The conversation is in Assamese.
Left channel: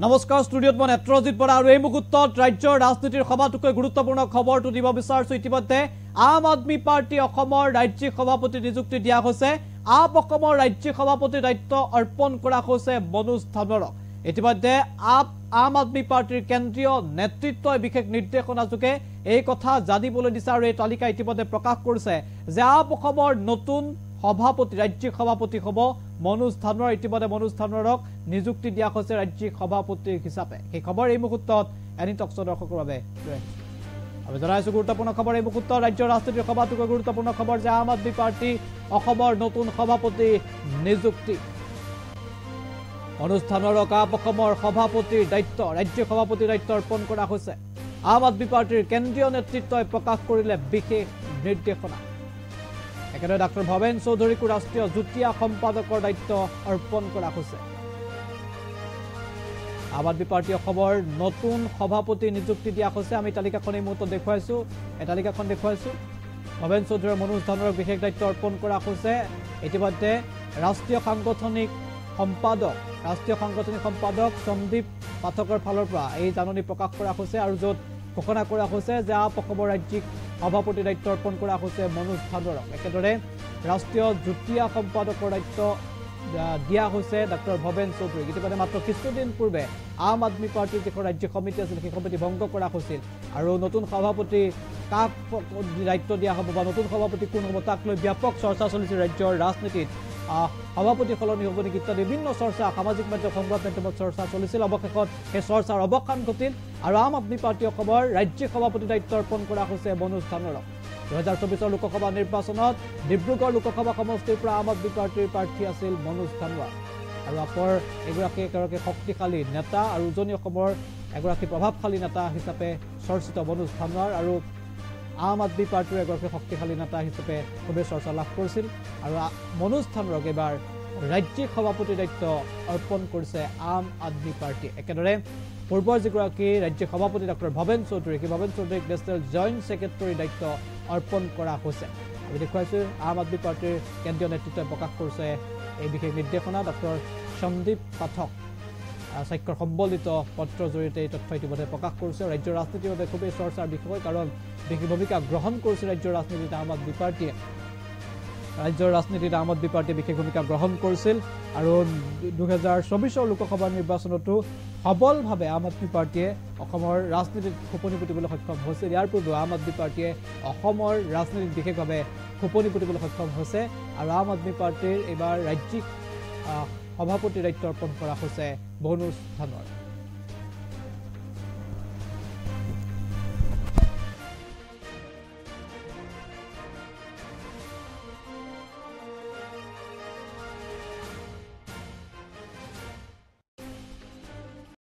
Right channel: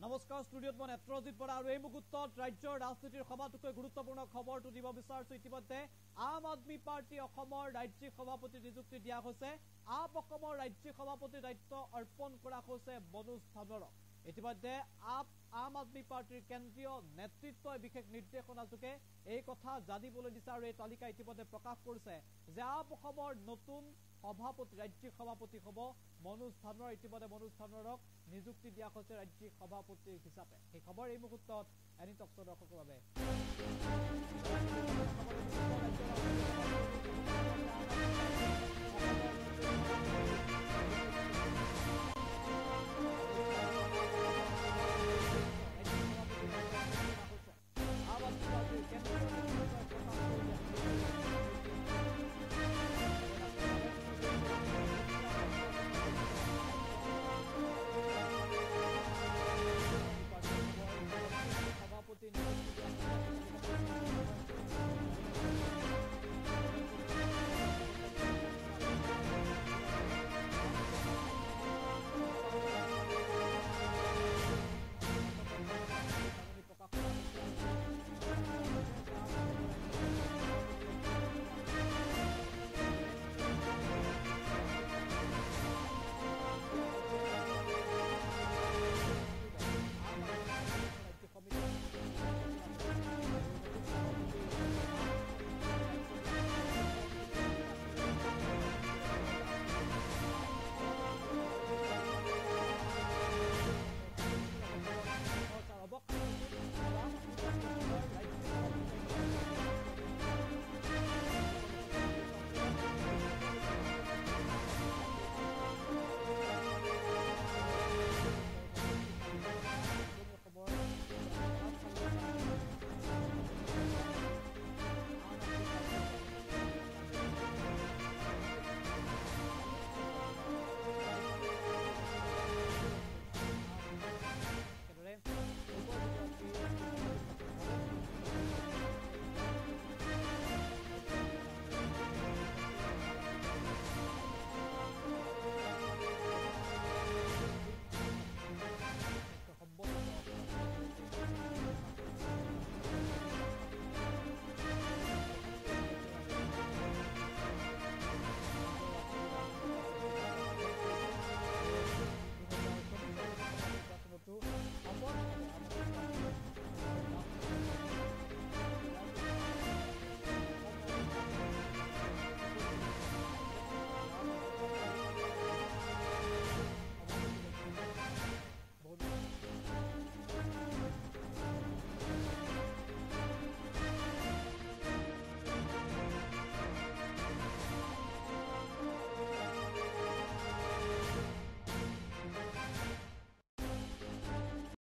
নমস্কাৰ ষ্টুডিঅ'ত মই নেত্ৰজিৎ বৰা আৰু এই মুহূৰ্তত ৰাজ্যৰ ৰাজনীতিৰ সভাটোকৈ গুৰুত্বপূৰ্ণ খবৰটো দিব বিচাৰিছো। ইতিমধ্যে আম আদমি পাৰ্টি অসমৰ ৰাজ্যিক সভাপতি নিযুক্তি দিয়া হৈছে। আপ অসমৰ ৰাজ্যিক সভাপতিৰ দায়িত্ব অৰ্পণ কৰা হৈছে মনোজ ধানোৰক। ইতিমধ্যে আম আদমি পাৰ্টিৰ কেন্দ্ৰীয় নেতৃত্বই বিশেষ নিৰ্দেশনাযোগে এই কথা জানিবলৈ দিছে আৰু এই তালিকা ইতিমধ্যে প্ৰকাশ কৰিছে যে আপ অসমৰ নতুন সভাপতি ৰাজ্যিক সভাপতি হ'ব মনোজ ধানোৰ। ইতিমধ্যে মনোজ ধানোৰক নিযুক্তি দিয়া হৈছে ৰাজ্যিক সভাপতি হিচাপে। সেই খবৰ এই মুহূৰ্তত এনি টকছৰ দৰ্শকৰ বাবে আমি জনাইছো গুৰুত্বপূৰ্ণ খবৰ এই মুহূৰ্তত ৰাজ্যৰ ৰাজনীতিৰ সভাটোকৈ গুৰুত্বপূৰ্ণ খবৰ যে আম আদমি পাৰ্টি অসমৰ নতুন সভাপতি নিযুক্তি। মনোজ ধানোৰক আপ অসমৰ সভাপতিৰ দায়িত্ব ৰাজ্যিক সভাপতিৰ দায়িত্ব অৰ্পণ কৰা হৈছে। আম আদমি পাৰ্টিৰ কেন্দ্ৰীয় নেতৃত্বই প্ৰকাশ কৰিলে বিশেষ নিৰ্দেশনা। একেদৰে ডাক্তৰ ভৱেন চৌধুৰীকো ৰাষ্ট্ৰীয় যুটীয়া সম্পাদকৰ দায়িত্ব অৰ্পণ কৰা হৈছে। আম আদমি পাৰ্টি অসমৰ নতুন সভাপতি নিযুক্তি দিয়া হৈছে। আমি তালিকাখন এই মুহূৰ্তত দেখুৱাইছো। এই তালিকাখন দেখুৱাইছো। ভৱেন চৌধুৰী মনোজ ধানোৰক বিশেষ দায়িত্ব অৰ্পণ কৰা হৈছে। ইতিমধ্যে ৰাষ্ট্ৰীয় সাংগঠনিক সম্পাদক সন্দীপ পাঠকৰ ফালৰ পৰা এই জাননী প্ৰকাশ কৰা হৈছে আৰু য'ত ঘোষণা কৰা হৈছে যে আপ অসমৰ ৰাজ্যিক সভাপতিৰ দায়িত্ব অৰ্পণ কৰা হৈছে মনোজ ধানোৰক। একেদৰে ৰাষ্ট্ৰীয় যুটীয়া সম্পাদকৰ দায়িত্ব দিয়া হৈছে ডাক্তৰ ভৱেন চৌধুৰীক। ইতিমধ্যে মাত্ৰ কিছুদিন পূৰ্বে আম আদমি পাৰ্টিৰ যিখন ৰাজ্যিক সমিতি আছিল সেই সমিতি ভংগ কৰা হৈছিল আৰু নতুন সভাপতি কাক দায়িত্ব দিয়া হ'ব বা নতুন সভাপতি কোন হ'ব তাক লৈ ব্যাপক চৰ্চা চলিছিল ৰাজ্যৰ ৰাজনীতিত। সভাপতি সলনি হ'ব নেকি ইত্যাদি বিভিন্ন চৰ্চা সামাজিক মাধ্যম সংবাদ মাধ্যমত চৰ্চা চলিছিল। অৱশেষত সেই চৰ্চাৰ অৱসান ঘটিল আৰু আম আদমি পাৰ্টি অসমৰ ৰাজ্যিক সভাপতি দায়িত্ব অৰ্পণ কৰা হৈছে মনোজ ধানোৰক। 2024 লোকসভা নিৰ্বাচনত ডিব্ৰুগড় লোকসভা সমষ্টিৰ পৰা আম আদমি পাৰ্টিৰ প্ৰাৰ্থী আছিল মনোজ ধানোৰ আৰু আপৰ এগৰাকী শক্তিশালী নেতা আৰু উজনি অসমৰ এগৰাকী প্ৰভাৱশালী নেতা হিচাপে চৰ্চিত মনোজ ধানোৰ আৰু আম আদমি পাৰ্টিৰ এগৰাকী শক্তিশালী নেতা হিচাপে খুবেই চৰ্চা লাভ কৰিছিল আৰু মনোজ ধানোৰক এইবাৰ ৰাজ্যিক সভাপতিৰ দায়িত্ব অৰ্পণ কৰিছে আম আদমি পাৰ্টি। একেদৰে পূৰ্বৰ যিগৰাকী ৰাজ্যিক সভাপতি ডক্টৰ ভৱেন চৌধুৰী সেই ভৱেন চৌধুৰীক নেশ্যনেল জইণ্ট ছেক্ৰেটাৰীৰ দায়িত্ব অৰ্পণ কৰা হৈছে। আমি দেখুৱাইছোঁ আম আদমি পাৰ্টিৰ কেন্দ্ৰীয় নেতৃত্বই প্ৰকাশ কৰিছে এই বিশেষ নিৰ্দেশনা। ডক্টৰ সন্দীপ পাঠক স্বাক্ষৰ সম্বলিত পত্ৰৰ জৰিয়তে এই তথ্য ইতিমধ্যে প্ৰকাশ কৰিছে। ৰাজ্যৰ ৰাজনীতিৰ বাবে খুবেই চৰ্চাৰ বিষয় কাৰণ বিশেষ ভূমিকা গ্ৰহণ কৰিছে ৰাজ্যৰ ৰাজনীতিত আম আদমি পাৰ্টিয়ে। ৰাজ্যৰ ৰাজনীতিত আম আদমি পাৰ্টিয়ে বিশেষ ভূমিকা গ্ৰহণ কৰিছিল আৰু 2024 লোকসভা নিৰ্বাচনতো সবলভাৱে আম আদমি পাৰ্টিয়ে অসমৰ ৰাজনীতিত খোপনি পুতিবলৈ সক্ষম হৈছিল। ইয়াৰ পূৰ্বে আম আদমি পাৰ্টিয়ে অসমৰ ৰাজনীতিত বিশেষভাৱে খোপনি পুতিবলৈ সক্ষম হৈছে আৰু আম আদমি পাৰ্টিৰ এইবাৰ ৰাজ্যিক সভাপতিৰ দায়িত্ব অৰ্পণ কৰা হৈছে মনোজ ধানোৰ।